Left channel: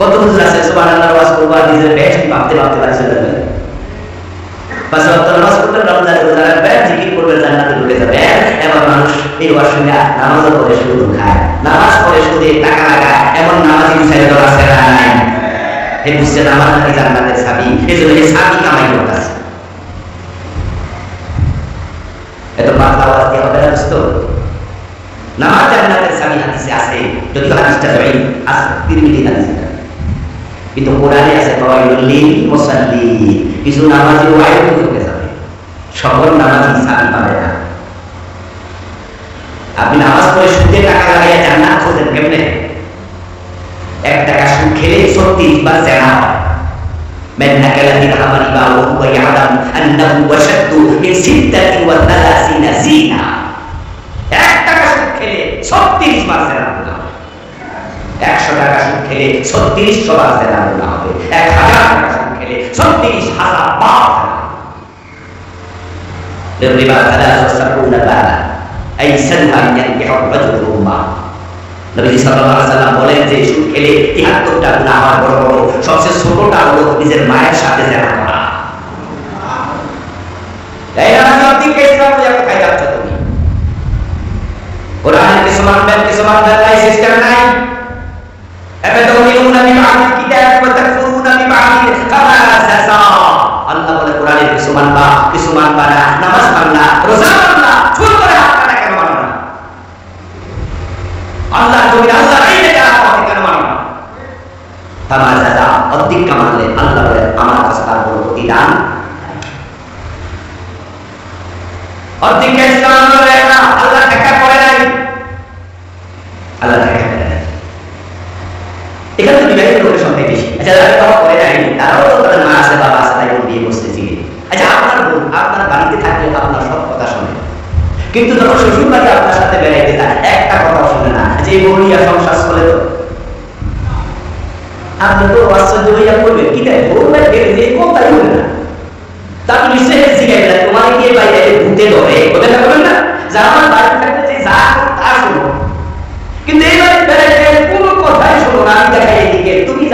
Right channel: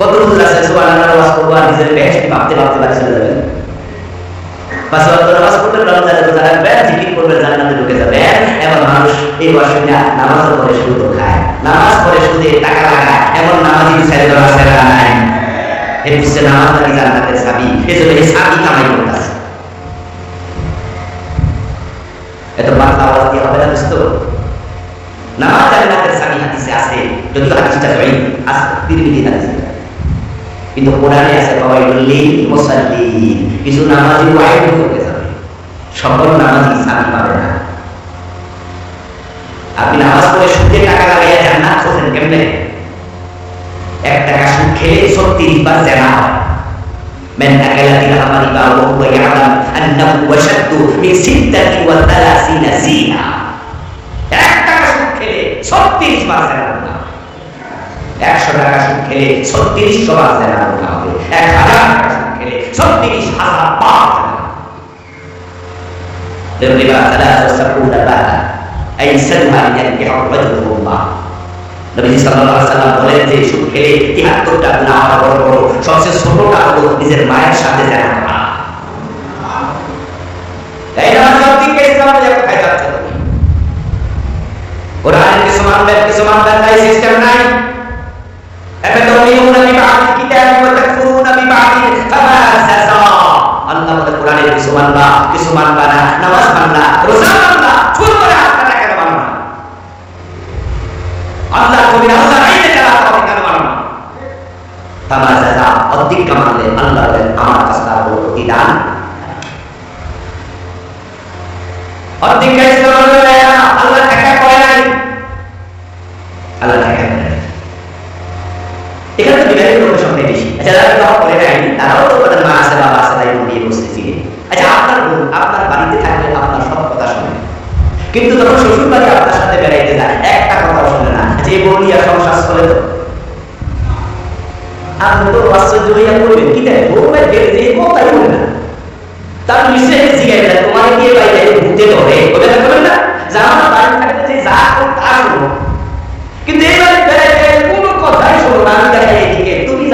কত হুজুর আছে? সুবাহ আল্লাহর ওয়াজ করব আর নিজের বেহেশতি ভাবতে ভাবতে বাড়ি চলে যাবেন পাঁচ ওয়াক্ত নামাজ পড়বেন রমজানে রোজা রাখবেন, জিকির করবেন, জান্নাতে ঢুকে যাবেন। এমন মানুষ এই ওয়াজ শুনে নামাজও পড়ে সুদও খায়। নামাজ পড়ে সুদে টাকা লাগায়, এমন নামাজি দু চারি দল আছে না নাই। হে বুঝছে নামাজ নাকি জান্নাতের চাবি এই জন্য এই চাবি কামাই করতেছে। এত পাতলা আওয়াজ দিয়ে হবে না দোস্ত? নামাজ জান্নাতের চাবি হাদিসে আছে, যদিও হাদিসটা জয়ী আছে তিরমিজি হাদিস। এটা। কিন্তু কোরআনে আছে ফাওয়াইলুল মুসাল্লি কিছু নামাজি ওয়াইড হয়ে যাবে সকল নামাজি চাবি পাবে না আপনি নামাজ পড়ে সুদে টাকা লাগাইয়া জান্নাত খোঁজেন কেমনে এক টাকা সুদ খেলে ছত্রিশ বার জেনা হয় من أكل درهما ربا وهو يعلم أنه وشد من ستة وثلاثين زينة এক টাকা সুদ খেলে ছত্রিশ বার জেনা গুনাহ একশো টাকা সুদ খেলে ছত্রিশশো বার জেনা গুনাহ হবে এক হাজার টাকা সুদ খেলে ছত্রিশ হাজার বার জেনা الربا ثلاث وسبعون بالا أيسرها أن ينكح الرجل أمه নবীজি সাল্লাল্লাহু আলাইহি সাল্লাম বলেন যে সুদ খেলে 73টা গুনাহ আমার বড় বড় সবচেয়ে ছোটটা হলো নিজের মায়ের সাথে জেনা করা এই না সত্যিকে ইসলাম নিয়ে কোথায় যাচ্ছ তুমি কোরআনের কিছু মানবেন কিছু মানবেন নাই সিস্টেম নাই আফাতুমিনুনা বিবাদিল কিতাবি ওয়া তাকফুরুনা বিবাদিল ফামা সাসা আল্লাহ বলে, কোরআনের কিছু মানবা কিছু মানবা না। নামাজ মানলা রোজা মানলা চুল করে হাত কাটা কেন মানবা আল্লাহ তুমি আল্লাহ রাইতে কারা পাবে কেন মানবা ফামা সাসা? অধিক কামালে, আল্লাহ বলেন আমার কাছে তার কোনো প্রতিদান অর্ধেক ইসলাম আল্লাহ এখানে তো বিবাহিত লোকের সংখ্যাই বেশি। আচ্ছা যারা বিবাহ করে নাই, তারাও তো তাদের মা আছে, বাবা আছে, তাই বোন বিয়ে করছে চিনে আচ্ছা আপনার বোন, আপনার বাড়িতে থাকলে আপনার সব কথা শোনে। কিন্তু যখন শ্বশুর বাড়ি আপনার সাথে বেড়াইতে যায়, একটা কথাও শোনে না। আচ্ছা এই বউলিয়া সংসার চলে তো? আপনি তো আশ্চর্য হইয়া করবেন কি তাই? বউ ভাই গেলে যে কথাই বলে না। তা আপনি নিশ্চয়ই জিগাইবেন। তোমারে গিয়ে বাইরে ভূতে ধরে?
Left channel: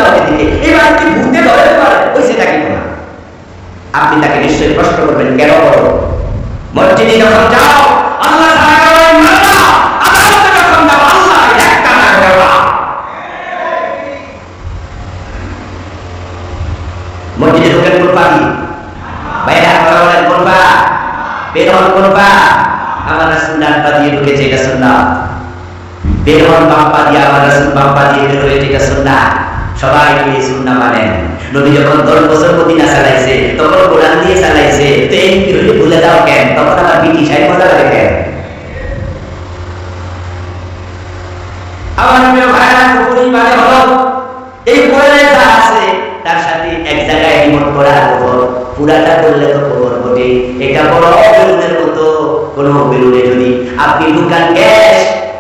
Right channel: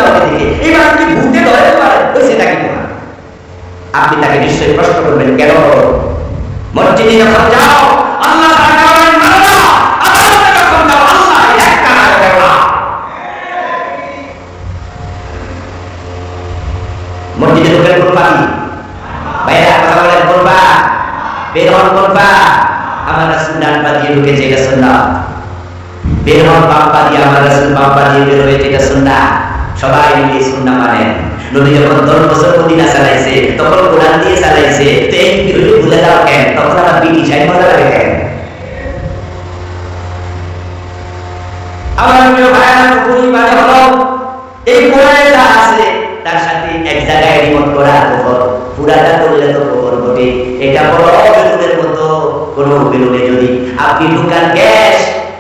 এদিকে এই বাড়ি কি ভূতে ধরে তোমার? ওই সেটা কি তোমার? আপনি তাকে নিশ্চয়ই প্রশ্ন করবেন, কেন করো? মসজিদে যখন যাও, আল্লাহ না। না। মসজিদে ঢুকেন কোন পা দিয়ে বাইরে কথা বলেন, কোন পা বের হন কোন পা আমার রাসুল ডান পা দিয়ে ঢুকেছে এটা সুন্নাত। বের হন বাম পা দিয়ে, আমার রাসুল বাম পা দিয়ে বের হয়েছে সবাই মিলে এই সুন্নাহ মানেন। নবী যখন দশ বছর মদিনা চালাইছে, তখন কোরআন দিয়ে চালাইছে, তো এই কি হইলে ভুলে যাও কেন? তখন আবার ব্রিটিশ আইন মজা লাগে কেন? আমার প্রিয় পুকুরি মানে এই কোরআনে যা আছে, তার সাথে এক জায়গায় রিমোট করা পুরাটা করলে তো বটে। এটা বড় বেলুনের মতো। কোন বেলুনে যদি আপনি ঢুকান, গ্যাস,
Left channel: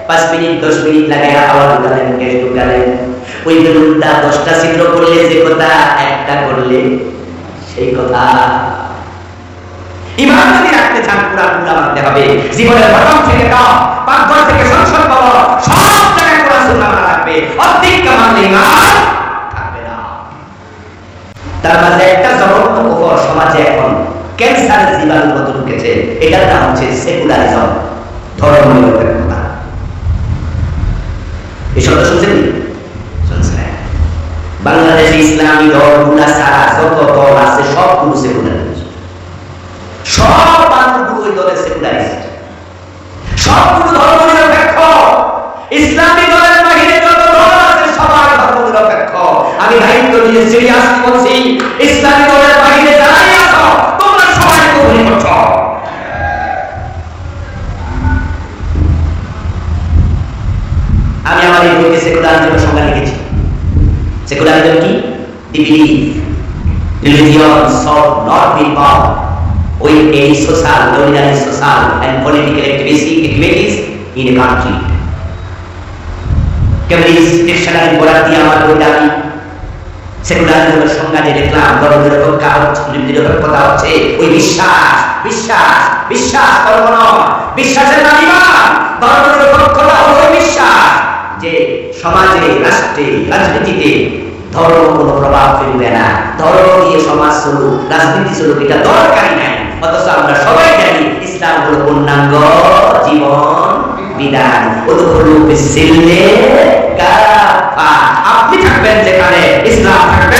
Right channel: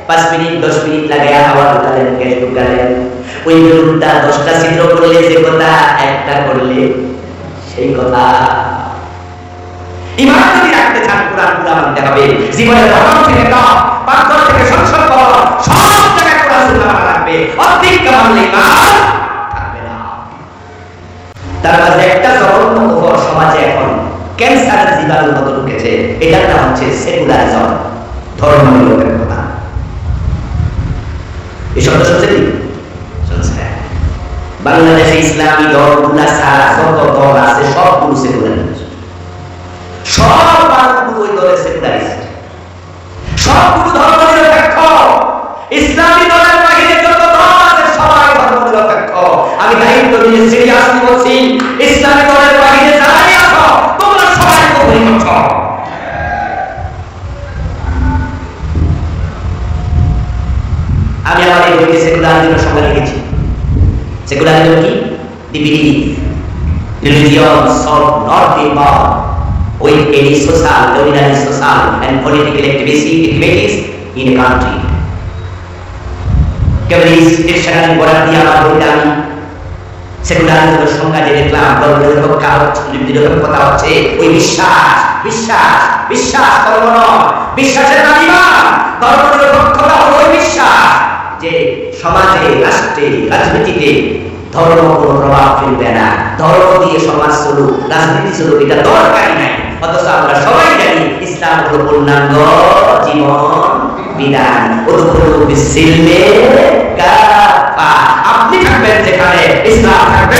পাঁচ মিনিট, দশ মিনিট লাগাই হাওয়া ঢুকালেন, গ্যাস ঢুকালেন। ওই বেলুনটা দশটা ছিদ্র করলে যে কথা, একটা করলে সেই কথা। ইমান যদি রাখতে চান পুরা মানতে হবে। জীবনের থেকে থেকে সংসদ সব জায়গায় মানা লাগবে। মানলে ইমান থাকবে না। তার মাঝে একটা জঘন্য কুফর সমাজে এখন ক্যান্সারের জীবাণুর মতো ঢুকেছে। এটার নাম হচ্ছে সেকুলারিজম। ধর্ম নিরপেক্ষতা এই শব্দ? শুনছেন বাংলাদেশে ইসলামী দলগুলা ছাড়া যত দল আছে সবগুলো সেকুলারিস্ট সব মানুষগুলো ওই দলের সেকুলারিস্ট সবগুলো ধর্ম নিরপেক্ষ। ইসলামী দলের বাহিরে যত দল আছে, সবাই ধর্ম নিরপেক্ষ। আমি দায়িত্ব নিয়ে সিরিয়াসলি বলছি, ইসলামী দলের বাহিরে যারাই সেকুলারিজম কি the believe religion should not be bound with any social, ordinary social and political activities in a country. Cambridge dictionary পড়ার দিয়ে আমার বইটা আমি সেকুলারিজমের সংজ্ঞা যে লিখলাম ধর্ম নিরপেক্ষা হচ্ছে নিরপেক্ষতা হচ্ছে ওই বিশ্বাস বিশ্বাস বিশ্বাস কর্ম নয় বিশ্বাসের নাম ইমান ধর্ম নিরপেক্ষতা হলো ওই বিশ্বাস যে সমাজে, রাষ্ট্রে, রাজনীতিতে ধর্ম কোনো প্রভাব ফেলবে না। ধর্ম দিয়ে সমাজ চলুক, রাজনীতি চলুক, এটা দরকারই নাই। অথচ আমরা সবাই জানি ইসলাম হলো পূর্ণাঙ্গ জীবন, বিধান। আপনি থাকবেন যেখানে ইসলাম থাকবে।